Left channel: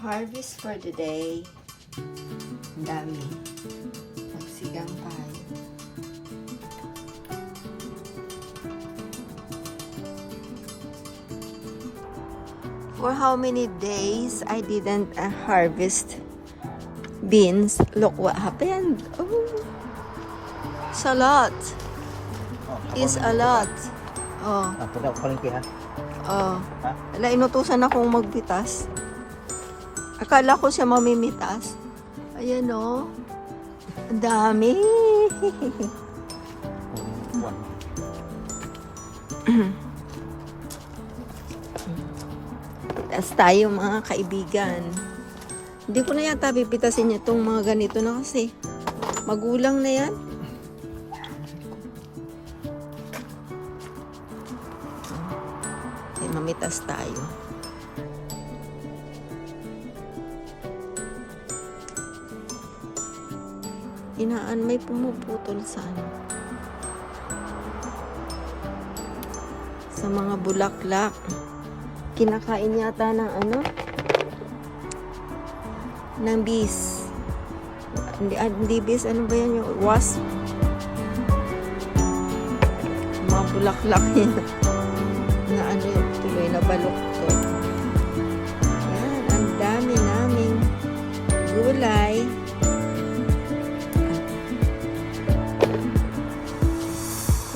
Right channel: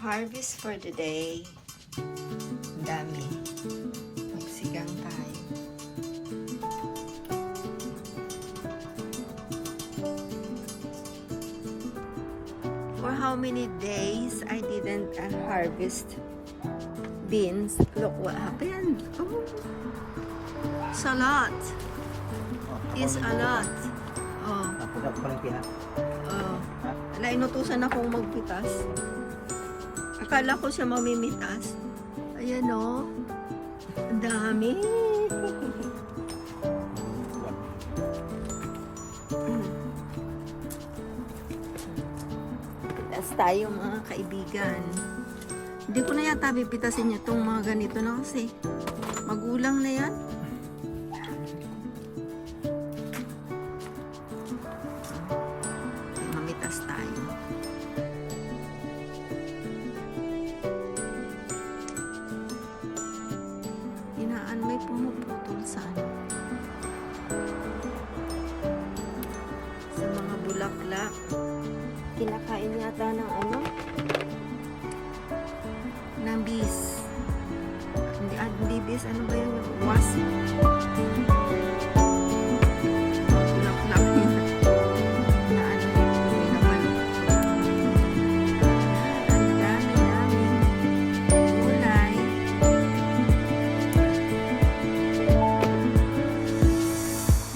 Harvest for the day. Ang dami. Magsigang tayo. For how many days I didn't harvest beans? Look what happened. Oh, it's a lot. It's a lot. Oh. Oh. Wala, inutusan akong magpitas. Akala ko siya mamimitas. Ayan o. Ang dami. Tas tayo mga kaibigan. Hindi ko na yata pipitasin itong mga ganito na kasi magulang na yan. Mamitas tayo. Inaan may pumuputol sa sa mga bulaklak. Kinakain yata ng ng bees. Hindi bees, ano ba yan, yung wasp? Mga bulaklak na yung tuloy na baluktot. Yan, ang dami namin gulay.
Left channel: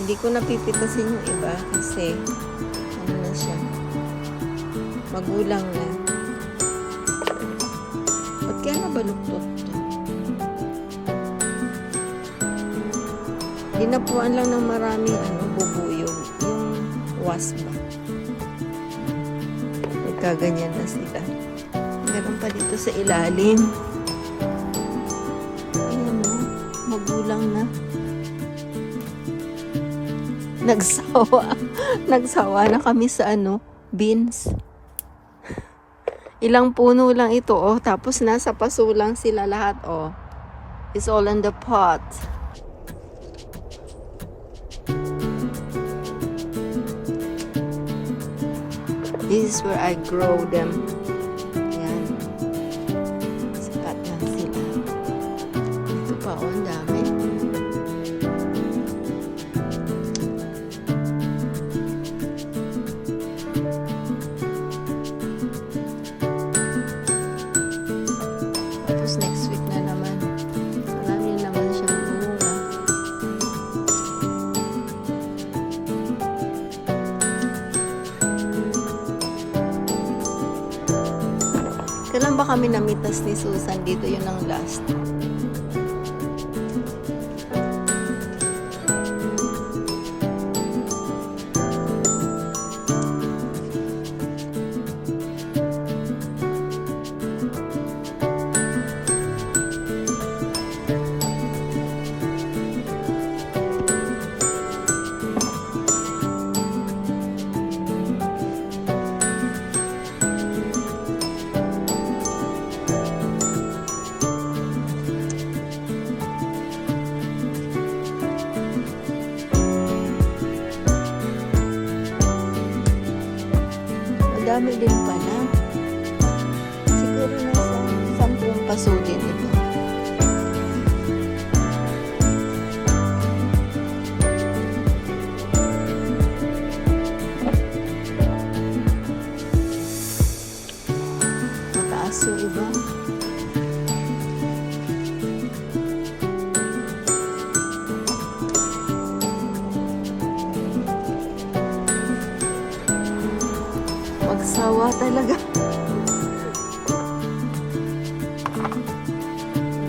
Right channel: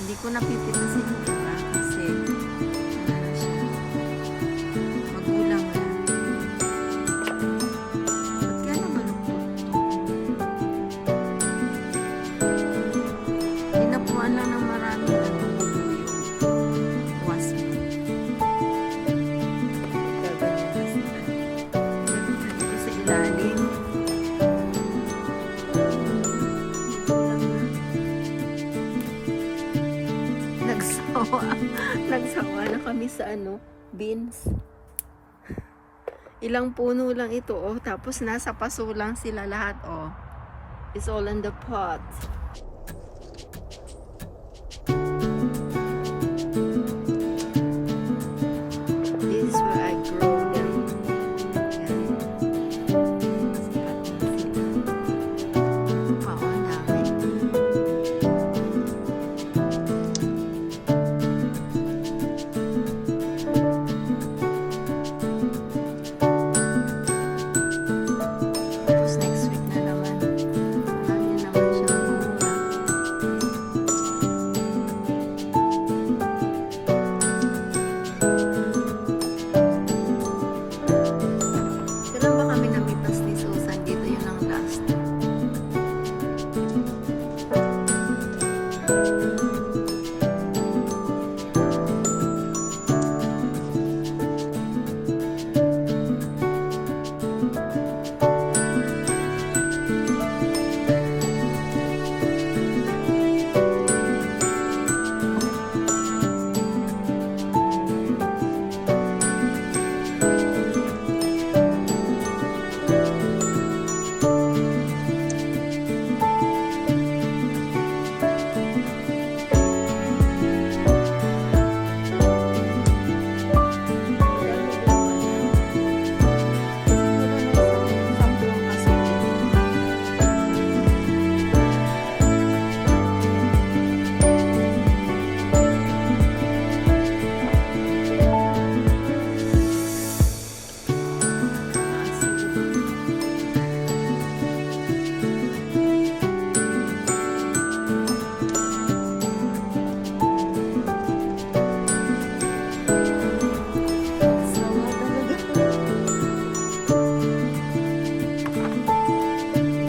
Hindi ko napipitasin yung iba kasi na siya, magulang na. Ba't kaya nabaluktot to? Dinapuan lang ng marami bubuyog yung wasp na. Nagkaganyan na sila. Meron pa dito sa ilalim. Nagsawa na kami sa beans. Ilang puno lang ito, tapos nasa paso lang sila lahat, It's all in the pot. This is where I grow them. Ayan. Sipat lang sila. Ito pa, ang dami. Kami namitas ni Susan dito, yun ang last.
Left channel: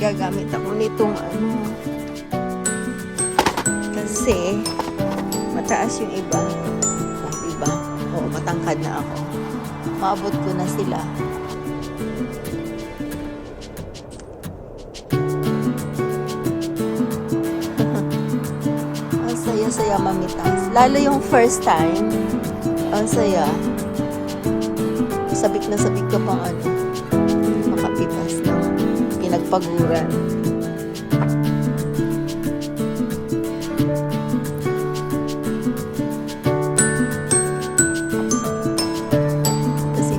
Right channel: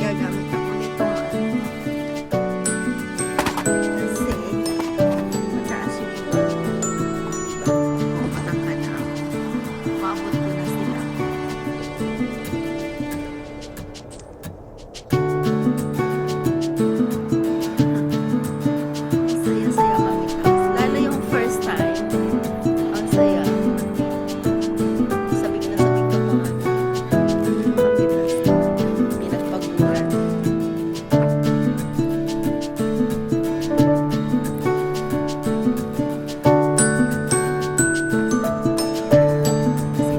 Gagamit ako nitong kasi mataas yung iba. Matangkad na ako. Maabot ko na sila. Ang saya-saya mamitas. Lalo yung first time. Ang saya. Sabik na sabik ka pa makapitas na pinagpaguran. Kasi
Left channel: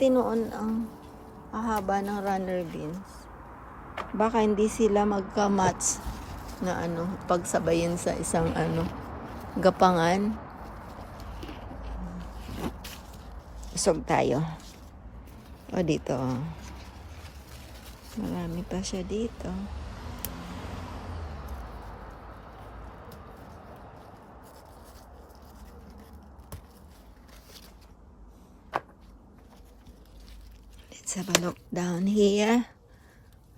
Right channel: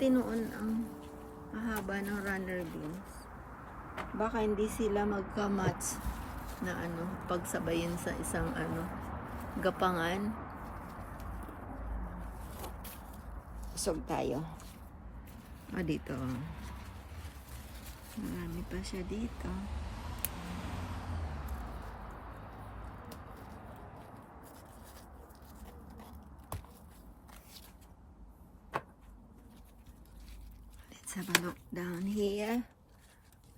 Pati noon ang haba ng runner beans. Baka hindi sila magka-match na pagsabayin sa isang gapangan. Usog tayo. O dito. Marami pa siya dito. Let's have a look down here.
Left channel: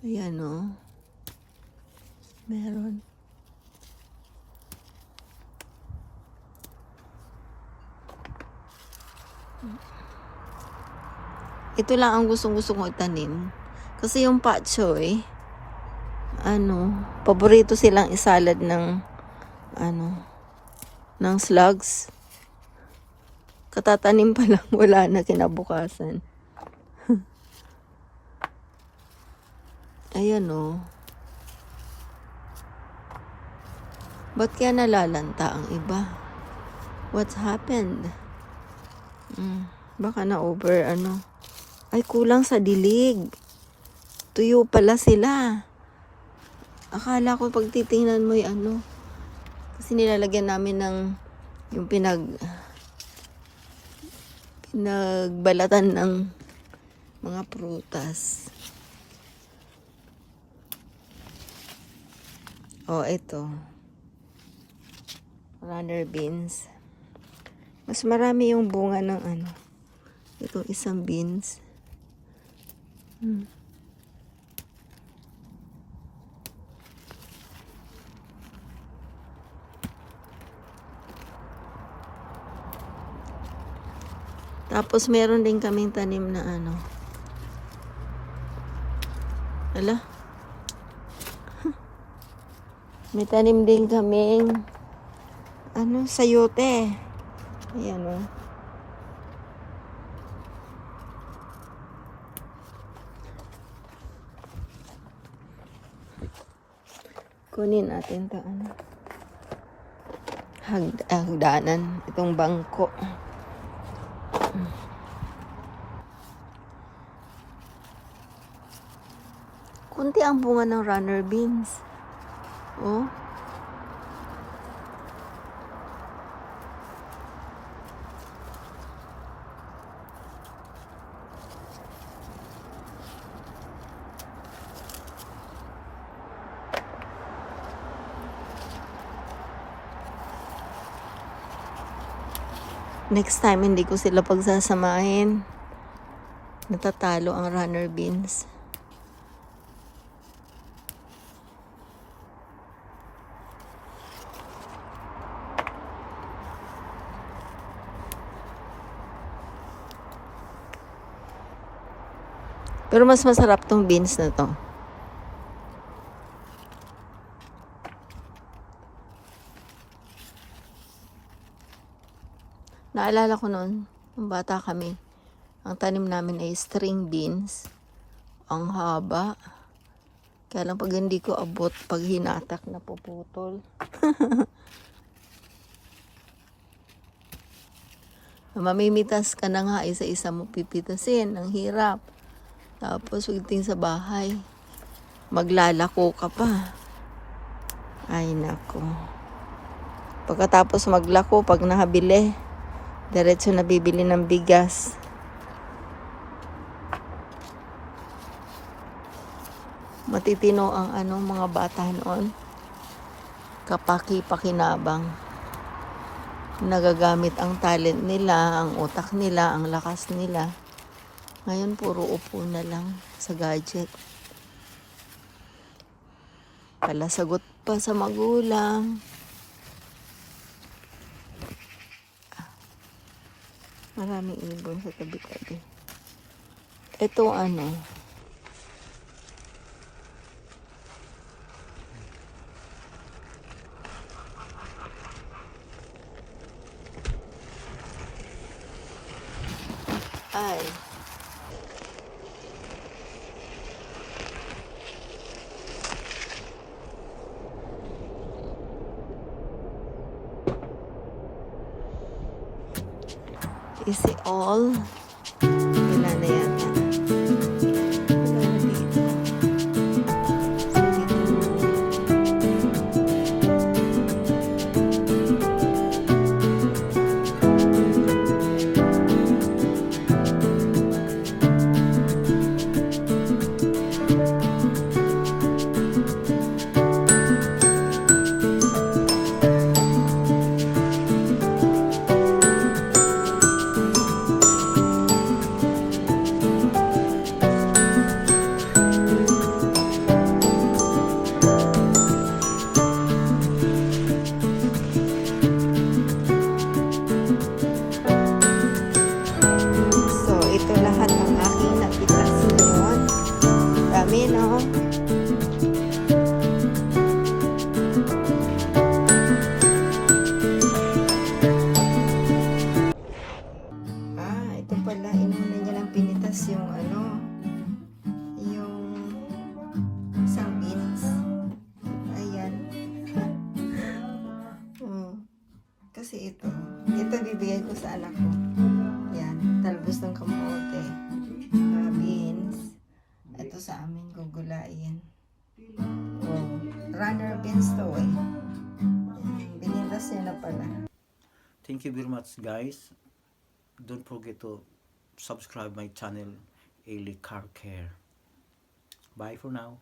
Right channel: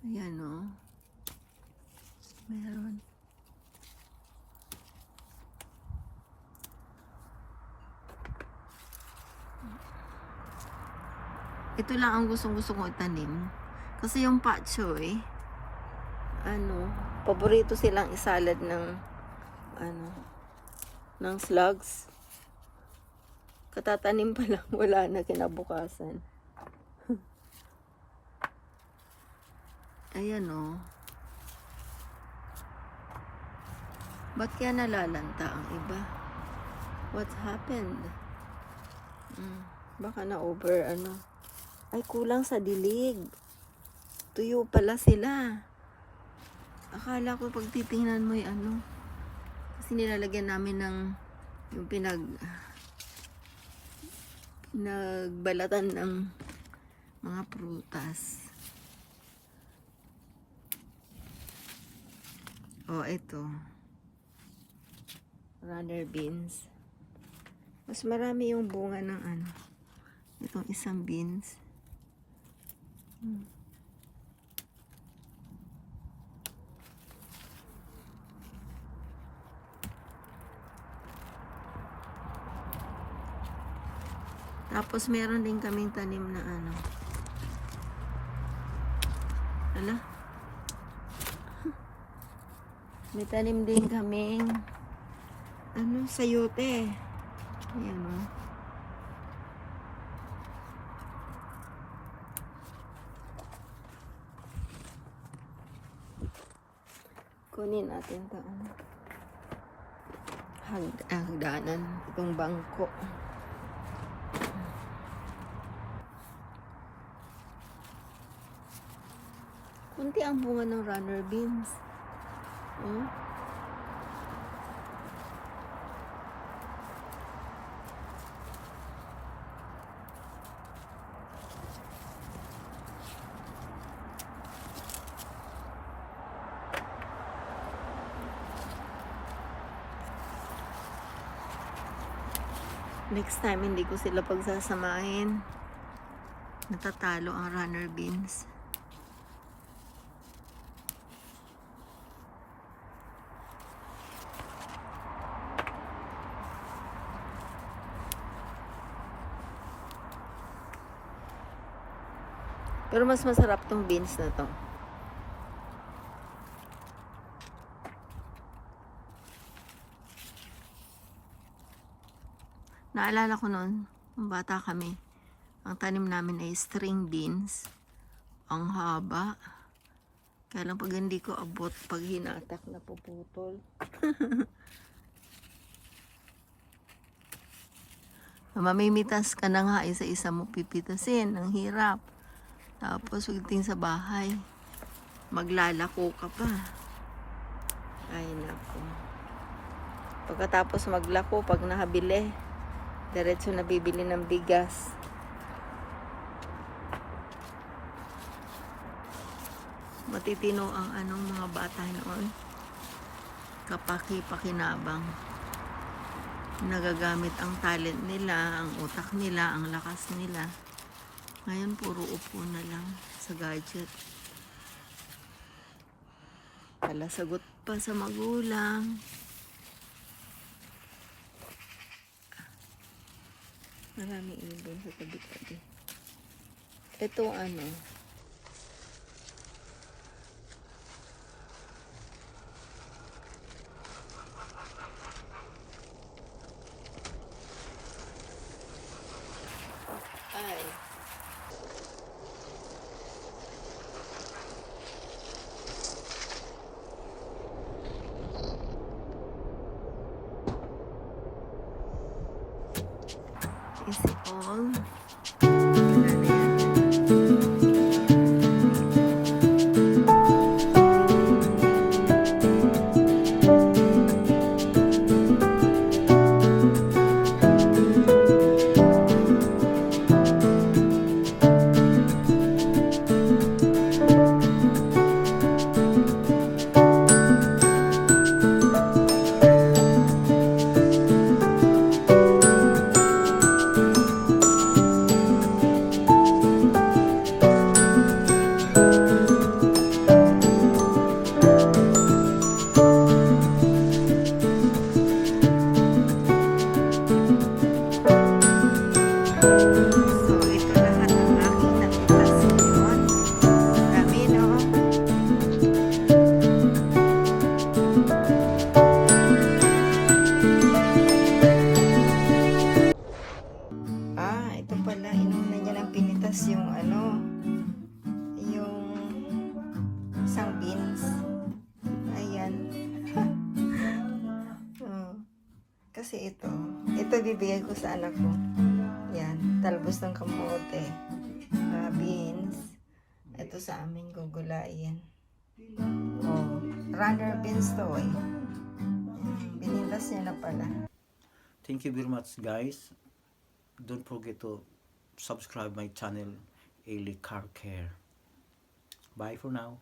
Ayan o. Meron. Ito lang ang gustong-gusto kong itanim. Kasi yung pak choy, paborito silang isalad ng slugs. Katatanim pa lang, wala na kinabukasan. Ayan o. Ba't kaya nalalanta ang iba? What's happened? Baka na-over Ay, kulang sa dilig. Tuyo pala sila. Akala ko pag titingnan mo yung kasi nilalagyan namin ng yung pinagbalatan ng mga prutas. Oh, ito. Runner beans. Mas marami yung bunga ng itong isang beans. Tapos meron din kaming tanim na Ala? May tanim din kaming sayote. Ayan o. Kunin natin ito hagdanan. Itong bangko. Kunti ang bunga ng runner beans. Oh. Next time, hindi ko sila pagsasamahin. Natatalo ang runner beans. Pero mas masarap tong beans na to. Naalala ko noon, nung bata kami, ang tanim namin ay string beans. Ang haba. Kaya lang pag hindi ko abot, pag hinatak na puputol. Mamimitas ka na nga, isa-isa mo pipitasin. Ang hirap. Tapos pagdating sa bahay, maglalako ka pa. Ay nako. Pagkatapos maglako, pag nakabili, diretso na bibili ng bigas. Matitino ang mga bata noon. Kapaki-pakinabang. Nagagamit ang talent nila, ang utak nila, ang lakas nila. Ngayon puro upo na lang sa gadget. Palasagot pa sa magulang. Maraming ibon sa tabi-tabi. Ito ay is it all? ibibigay ko sa anak ko. Yan, talbos ng kamote. Beans. Ito sa amin gugulain. Oh, runner beans to eh. Binintas niya na pala. Thank you very much, guys. Don't forget to subscribe my channel, Ailey Car Care. Bye for now.